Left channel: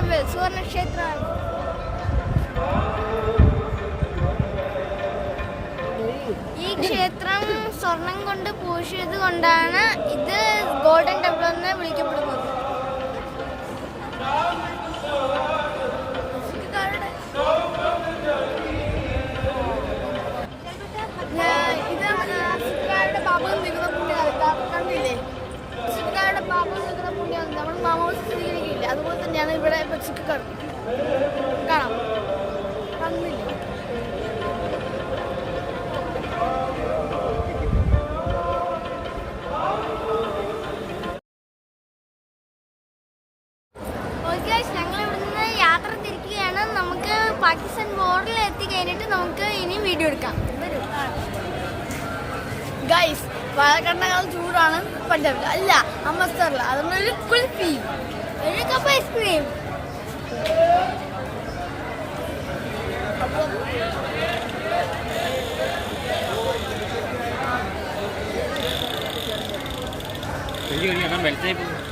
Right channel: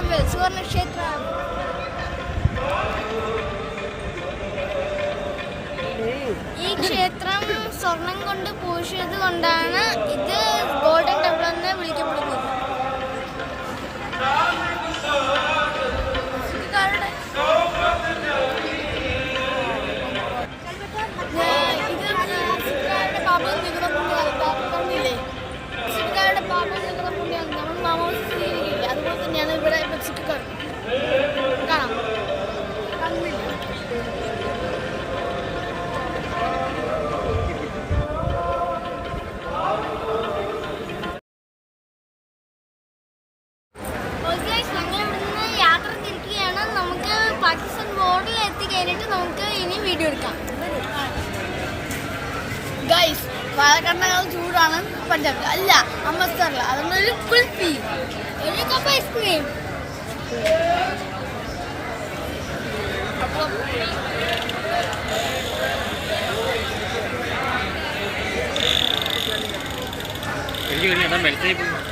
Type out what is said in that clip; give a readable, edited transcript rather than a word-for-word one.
Temple സുവർണക്ഷേത്രമാണ്. ഈ ക്ഷേത്രം സ്വർണം കൊണ്ട് പൂശിയത് കൊണ്ടാണ് ഇത് ഗോൾഡൻ ടെമ്പിൾ എന്ന് വിളിക്കപ്പെടുന്നത്. ഇത് പാപം നികുന്ന പുണ്യകാലം കണ്ടില്ലേ? സിഖുകാരുടെ പാപം നികുന്ന പുണ്യകാലം നമ്മൾ മാമോസ് സ്വീകരിക്കില്ല. അതുപോലെ തന്നെയാണ് ഇവിടെ സിഖുകാർ കാണാം. കണ്ടില്ലേ? ഞങ്ങൾ ഇവിടുന്ന് യാത്ര തിരിക്കുകയാണ്. നമുക്ക് പാകിസ്ഥാൻ ബോർഡറിൽ എത്തിക്കഴിഞ്ഞിട്ട് നമുക്ക് ഇനി വീഡിയോ എടുക്കാം. ഗൈസ്, പാലക്കാടിനേക്കാൾ ചൂടാണ് പഞ്ചാബ്. അല്ല, അമൃത്സറിൽ. അതൊന്നും ഒരു കുൽഫി, ഒരു കപ്പ് ഐസ്ക്രീം. എനിക്ക്